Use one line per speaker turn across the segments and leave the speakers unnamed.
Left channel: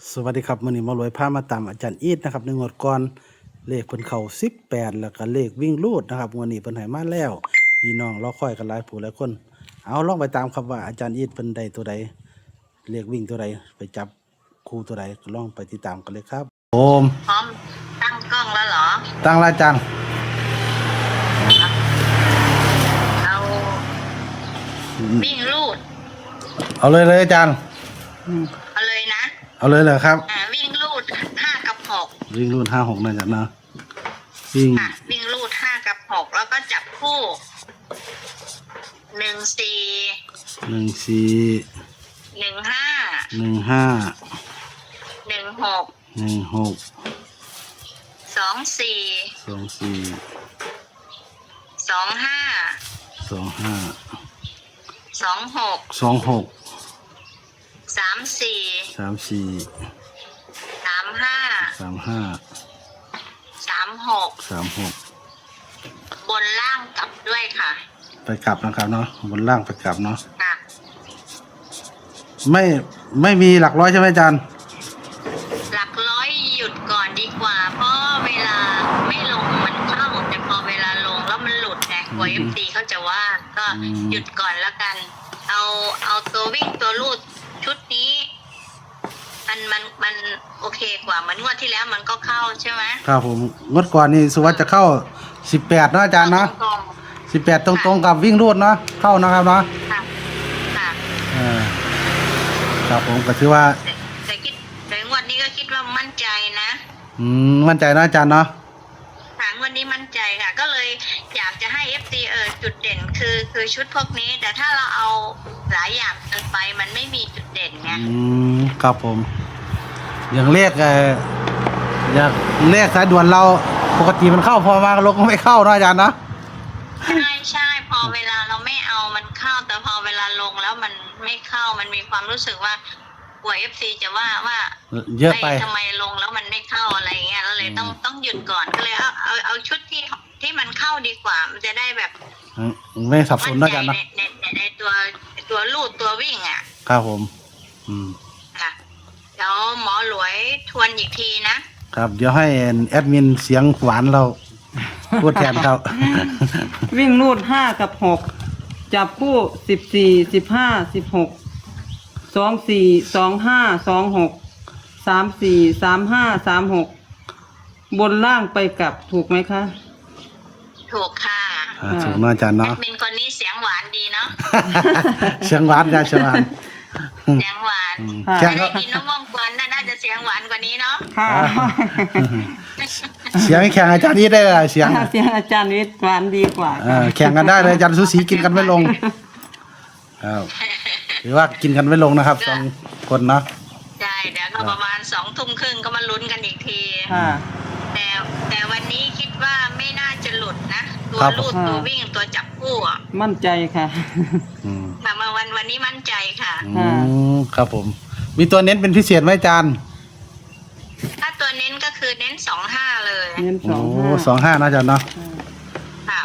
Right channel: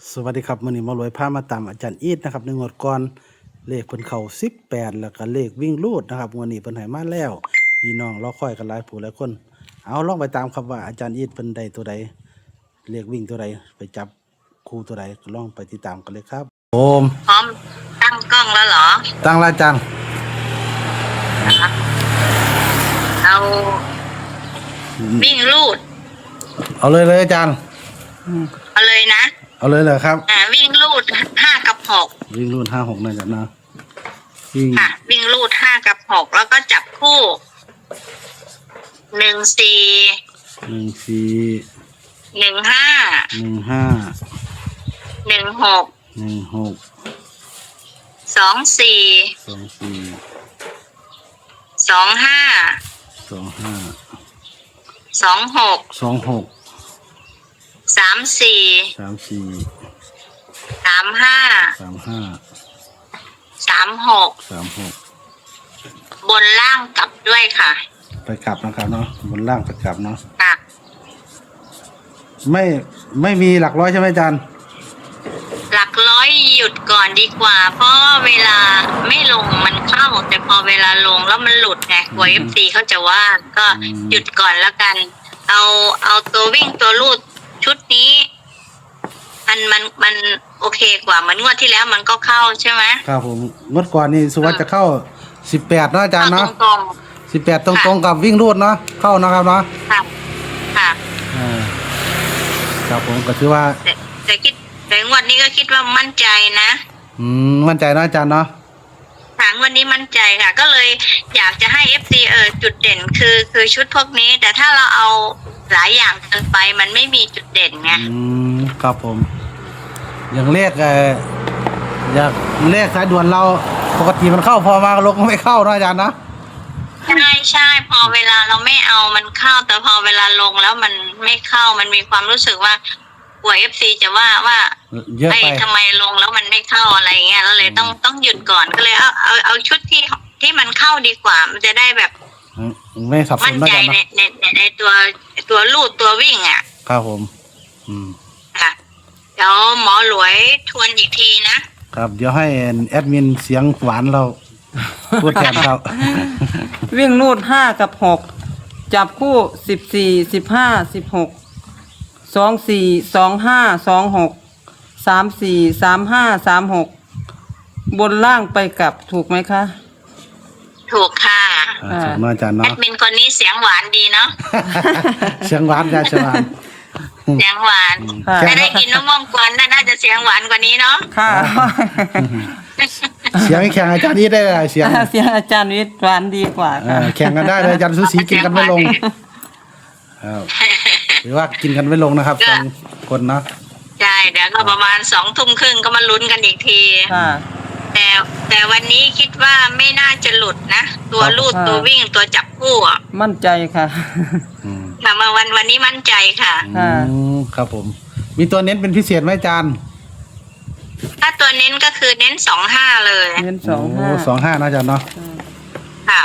สวัสดีครับมื้อนี้หมารวยพามาตามอาจารย์อีทนะครับในงวดก่อนเลขเพิ่นเข้า18แล้วก็เลขวิ่งรูดนะครับงวดนี้เพิ่นให้มาแล้วพี่น้องรอคอยกันหลายผู้หลายคนเอาลองไปตามครับว่าอาจารย์อีทเพิ่นได้ตัวใดเลขวิ่งตัวใดไปจับคู่ตัวใดก็ลองไปติดตามกันเลยครับโอม
พร้อมตั้งกล้องแล้วเหรอ
ตั้งแล้วอาจารย์
เอาวิ่งรูด
เอาเลยอาจารย์
เอาเลยนะ
เอาเลยเหรอครับ
วิ่งรูด5 กับ 6
วิ่งรูด5 6นะอาจารย์นะ
วิ่งรูด5 กับ 6แล้วก็จับคู่1 4
1 4
1 5
1 5
1 6
1 6
2 4
2 4
2 5
2 5
2 6
2 6
3 4
3 4
3 5
3 5
3 6
3 6
บนล่างกลับด้วยค่ะ
ไปกลับนะครับเนาะบนล่างไปกลับเนาะ
ค่ะ
ไม่มีหลักร้อยใช่ไหมอาจารย์
หลักร้อยหยุดก่อนดีกว่าเพราะเวลาไม่ลงมันเข้าแต่พอเวลาลงแล้วมันหลุดไงกลัว FC เขาจะว่าก็หยุดก่อนแล้วกันเอาตัววิ่งตัวลูดชุดนี้มันโอเคกว่าเหมือนงวดที่แล้วมันก็เข้าใช่ไหม
ครับผมงวดก่อนนี่สุวัสดิ์จะเข้า18เนาะอาจารย์เนาะ18ตรงๆกับวิ่งรูดเนาะเข้านะครับเนาะ
ค่ะค่ะ
ครับผมก็ถือว่า
แต่งวดนี้ก็คิดว่ามั่นใจนะ
มั่นใจนะอาจารย์เนาะ
ค่ะงวดนี้มั่นใจค่ะก็เลยอยากจะให้ FC จุดเด่นคือชุดพวกนี้แต่ถ้าเราเอาหลายอย่างเกินไปมันไม่มีจุดเด่นไง
ครับผมอย่างเลขอย่างเลขสายด่วนเราปกติมันเข้าพอมาลงก็ไม่เข้านะอาจารย์นะ
ใช่พอเวลาเราไม่เอามันเข้าแต่พอเวลาลงแล้วมันไม่เข้ามันมีความรู้สึกว่ากลัว FC จะว่า
เยอะไป
ทำไมลงแล้วมันไม่เข้าอะไรเงี้ยแล้วเลยต้องหยุดก่อนก็เลยเอาชุดที่มันเข้าดีกว่ามันจะได้แบบ
ไม่สับสนนะอาจารย์นะ
ในตัวลูดตัววิ่งอ่ะ
ครับผม
ค่ะเดี๋ยวหมอหลวยทวนอีกทีนะครับ
เดี๋ยวให้แอดมินเสียงหวานเราพูดแทนเขา
วิ่งนูด5 กับ 6จับคู่14 15 16 24 25 26 34 35 36บนล่างไปกลับถูกไหมคะ
ถูกค่ะ
ถูกนะอาจารย์เนาะ
แอดมินคนนี้เสียงหวานดีเนาะ
เสียงหวานจ้าเสียงหวาน
เสียงหวานจะได้กินมะม่วงกวนน่าจะเสียงหวานกว่านี้เนาะ
ค่ะ
เสียงแข่งอาจารย์นี้ได้เลยเสียง
อาจารย์นี้หวานดีกว่า
แข่งกันได้เลยอาจารย์สุสีกินกันไม่ลงหรือว่ากินกันไม่ลงนะครับ2 คนเนาะ
ใช่เดี๋ยวก็ประมาณ20:30ก็มาลุ้นกันอีกทีแต่วันนี้คิดว่าไม่น่าจะหลุดนะตัวลูดตัววิ่งตัวจับคู่
มั่นใจค่ะ
มาวันนี้มั่นใจค่ะ
ครับผมมีตัวเน้นเป็นพิเศษไหมอาจารย์
ถ้าตัวเน้นก็คือเน้น25เลย
เน้น
25นะอาจารย์เนาะ
ค่ะ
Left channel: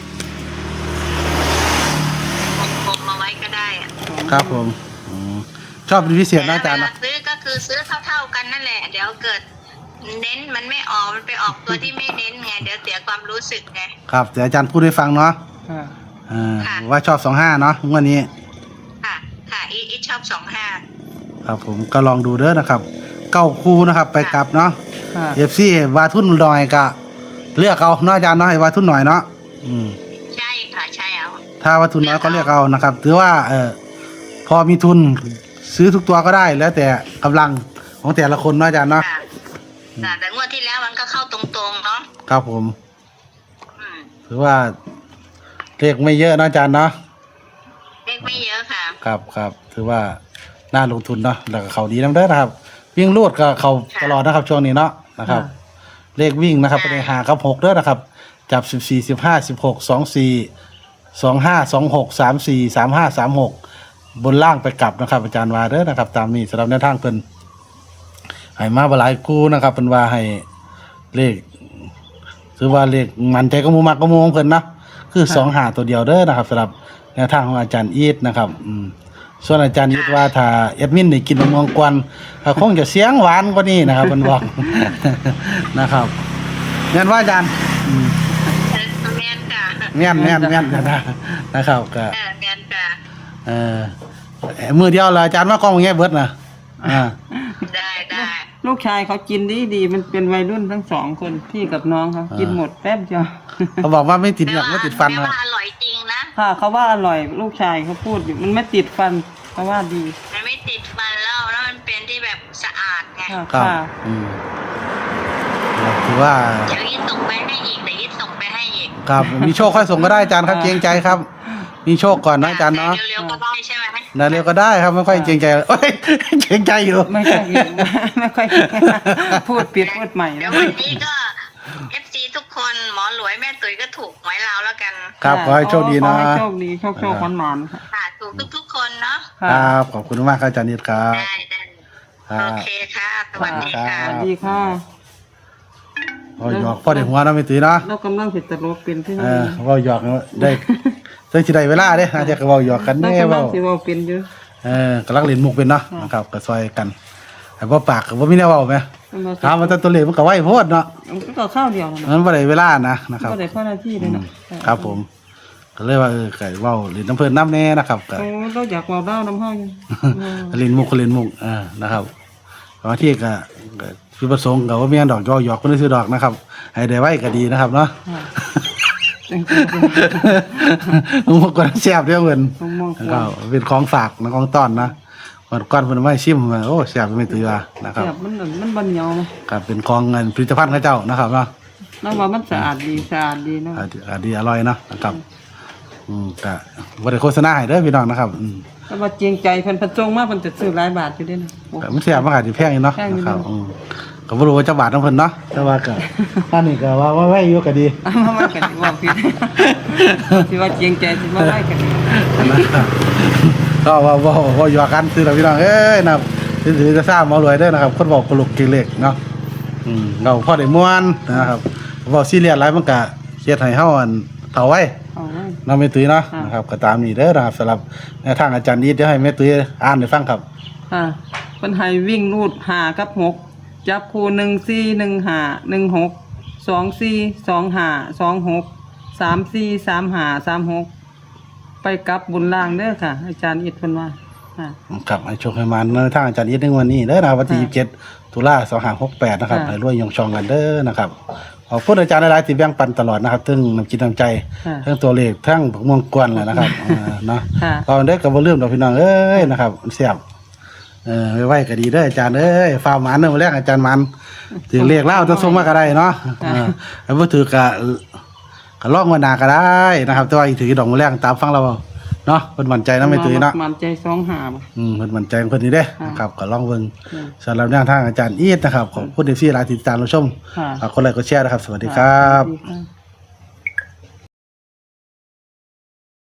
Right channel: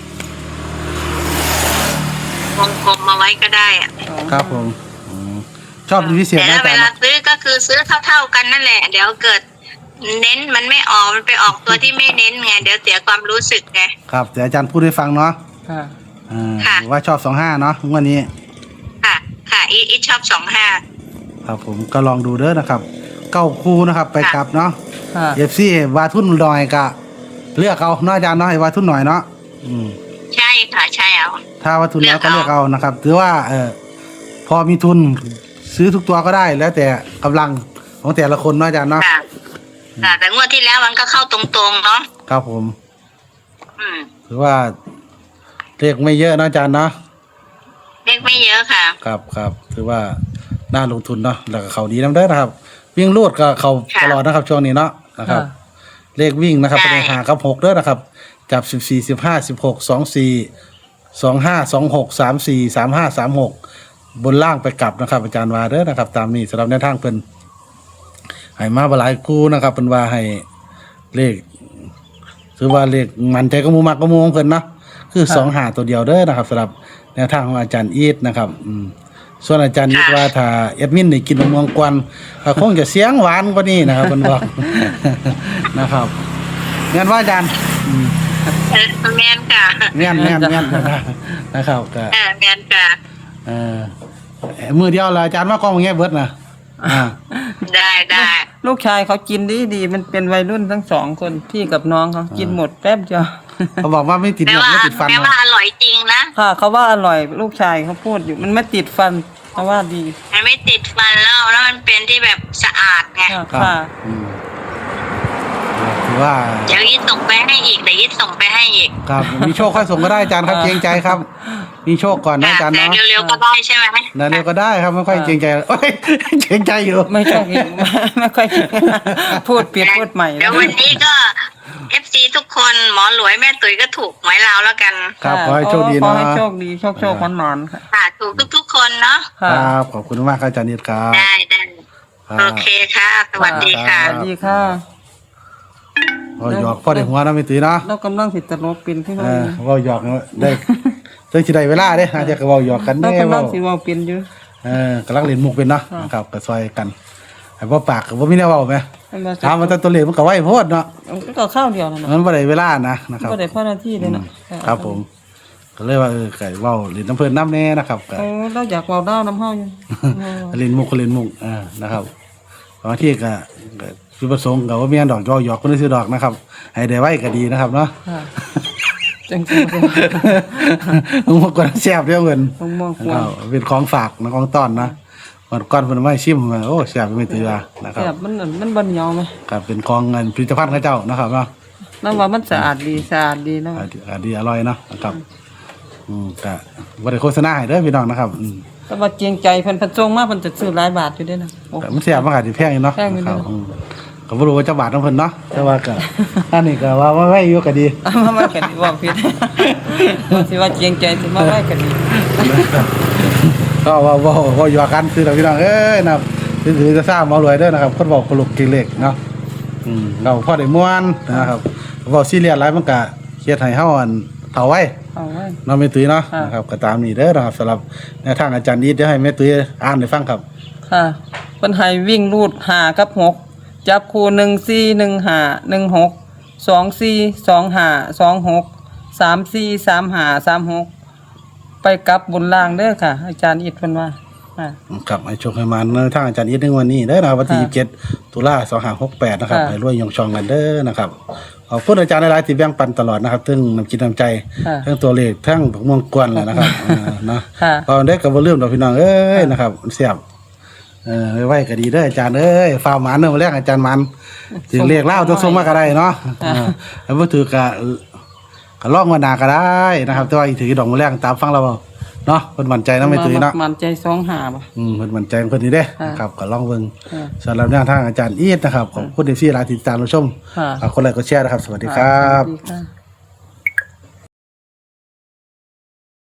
วงมาไว้ก็ได้
ครับผมชอบเป็นพิเศษนะอาจารย์
เวลาซื้อก็คือซื้อเท่ากันนั่นแหละเดี๋ยวเกิดเน้นมันไม่ออกมันไปออกตัวที่ไม่เน้นไงเดี๋ยวเสียความรู้สึกไง
ครับเดี๋ยวอาจารย์พูดให้ฟังเนาะว่าชอบ25เนาะวันนี้
ค่ะอีชอบ25
ครับผมก็ลองดูเด้อนะครับ9 คู่นะครับไปกลับเนาะFC วาทุนหน่อยก็เลือกเอาเนาะอาจารย์เนาะให้วาทุนหน่อยเนาะ
ใช่ค่ะใช่เอา
ถ้าวาทุนน้อยก็เลือกเอานะครับถือว่าพอมีทุนซื้อทุกตัวก็ได้แล้วแต่กำลังของแต่ละคนเนาะอาจารย์เนาะ
แต่งวดที่แล้วมันก็เข้าตรงๆเนาะ
ครับผมถือว่าเลขไม่เยอะนะอาจารย์เนาะ
เลขไม่เยอะค่ะ
ครับถือว่าน่าลงทุนเนาะแล้วก็เขาดีน้ำเด้อนะครับวิ่งลูดก็เขาตลอดนะครับช่วงนี้เนาะนะครับเลขวิ่งนะครับเป็น5 กับ 6เด้อนะครับจับ14 15 16 24 25 26 34 35 36บนล่างไปกลับนะครับอาจารย์ว่าเด้อนะครับตามนี้สำหรับแนวทางเพิ่นให้มาบ่หลายคู่นะครับเพิ่นว่าให้เลขถือว่าเลขมันใจก็มูมักก็มูของเพิ่นนะคือ25ตัวเดียวเด้อนะครับสำหรับแนวทางของอาจารย์อีทนะครับส่วนอาจารย์ยิดว่าถ้าแอดมินได้กินมะม่วงกวนก็คงจะเสียงหวานกว่านี้นะครับเพิ่นบอก นะครับงั้นว่าอาจารย์
แม่นค่ะ
แม่นนะครับก็
แม่นค่ะ
มือเดียวละอาจารย์ว่ากล้องอย่างเงี้ยเบิดนะอ่า
ได้
ลูกชายเขากินดีมันเป็นวัยรุ่นทั้งสองคนพี่กับน้องเขากินหมดแป๊บเดียว
เขาบอกว่าไม่ติดเหงือกไม่ติดฟัน
แต่
นะ
ว่าอร่อยจริงนะ
ค่ะเขาว่าอร่อยลูกชายเขาพูดอยู่มันไม่ติดฟันเขาว่าดี
มันไม่ติดฟันแล้วมันเป็นที่แบบสะอาดไง
ค่ะ
ครับ
ค่ะ
ถือว่า
เดี๋ยวยิดส่งไปให้อีก
ครับมีโชคค่อยส่งก็ได้อาจารย์ครับเกรงใจครับ มีโชคก่อนนะอาจารย์เนาะ
เร็วๆก็ได้ใช่ไหม
นั่นเร็วก็ได้ครับไม่ค่อยเกรงใจโอ้ยเกรงใจอยู่
ไม่ค่อยไม่ค่อยพูดผิดพูดใหม่
เดี๋ยววันนี้ก็ FC ทุกคนหมอหลวยแม่ตุ๋ยก็ถูกหวยลาวแล้วกัน
ครับขอให้โชคดีนะ
ขอให้โชคดีโชคขอนๆค่ะ
ค่ะถูกทุกๆคนเนาะ
ครับขอบคุณมากครับอาจารย์นิดครับ
ได้
ครับ
โอเคค่ะ สวัสดีค่ะ
สวัสดีค่ะ
พ่อหยอกพ่อเด็กหัวนะไม่ตื่นเนาะ
แล้วกำลังติดตลกเป็นที่
เอ
นี่
อพ่อหยอกได้เรื่องที่ใดเวลาเด้อาจจะก็เว้าหยอกกัน
แล้ว
แน่
กำลั
เว้าง
สิเว้าเป็นอยู่
กำลังเล่นมุกเป็นเนาะนะครับก็ซอยกันไอ้บ่ปากก็บ่มีแนวเว้าแหมถามว่าแต่ตัวเลขมันก็ไว้โพดเนาะ
ก็ข้าวเดียวนะ
มันบ่ได้เวลานะครับ
ก็ได้พ่อหน้าที่เลยนะครับ
ผมก็เลยว่าก็เว้าเล่นน้ำเพิ่นน้ำแน่นะครับก็
เราอยากเว้าด้าน้ำห้อย
เล่นมุกนะครับบางทีก็คือประสงค์ก็ว่ามีอันดอกหยอกคนซื้อดอกนะครับให้ได้ไว้ก็ดีนะครับเนาะ
จัง
มุกก็แซ่บเด้อเพิ่น
ๆมอง
ก็เป็นของฝากนะของต้อนนะวันก่อนเพิ่นมาชิมโอ้แซ่บไม่ตื่นนะครับ
แบบมันบ่เหนียวเลย
ก็เป็นของเงินผลิตภัณฑ์ของเจ้านะครับเนาะ
น้ำว่ามันสะอาดดีนะ
ดีอร่อยเนาะนะครับก็บ่ได้โฆษณาให้เด้อพี่น้องนะครับ
แต่ว่าเจียงใจเพิ่นจงมาเพิ่นจะซื้อหลายบาทอยู่ด้วยนะ
แต่มันแซ่บมันก็สิแพงอยู่เนาะ
แพงอยู่
นะครับก็บ่รู้ว่าจะบาทของเพิ่นเนาะแต่ว่าก็อันนี้ก็ว่าไว้อยู่ก็ดี
มากันว่าผิดสิว่าเจียงใจสิมาได้กันดี
ก็ว่าอยู่กันซื้อแล้วพี่น้องเอ้ยนะครับซื้อจะทราบมารวยเด้อนะครับคนบอกกลุกกิเลกเนาะเราพอได้ม่วนนะครับเว้าซีเรียสหลายมันก็เฮ็ดให้เฮาอันเฒ่าไว้
เอาไว้
เนาะแม่ตุ้ยเนาะนะครับก็ตามนี้เด้อนะครับสำหรับแนวทางอาจารย์อีทเดี๋ยวให้แม่ตุ้ยอ่านให้ฟังครับ
ค่ะเพิ่นให้วิ่งรูด5กับ6จับคู่1 4 1 5 1 6 2 4 2 5 2 6 3 4 3 5 3 6ไปกลับบนล่างเด้อค่ะ อาจารย์อิดเพิ่นว่าค่ะ
ครับให้โชคให้มันแนวทางอาจารย์อีทในวันนี้เด้อนะครับวันที่27ตุลา2568นะครับให้รวยยงชองกันเด้อนะครับขอบคุณอาจารย์หลายๆที่แบ่งปันตลอดนะครับทั้งน้ำจิตน้ำใจทั้งตัวเลขทั้งผักม่วงกวนแหละนะครับเนาะตอนเด็กก็บ่ลืมดอกพี่น้องเอ้ยนะครับเสียบไว้ก็ดีเด้ออาจารย์เอ้ยฟ้าหมันเด้อมื้อแรกอาจารย์มันถึงเลขเล่าต้องส่งมาก็ได้เนาะแล้วบ่ถือก็ลองมาหนาก็ได้นะครับแต่ว่าอีกถือดอกมื้อแรกตามฟังเราเนาะเพิ่นมั่นใจนำไม่ตื้อเนาะ
มั่นใจ2-5บ่
เพิ่นมั่นใจของเพิ่นนี่เด้นะครับก็ลองเบิ่งสำหรับแนวทางอาจารย์อีทนะครับขอบคุณที่หลายติดตามรับชมคนไลค์กดแชร์นะครับสวัสดีครับ
สวัสดีค่ะ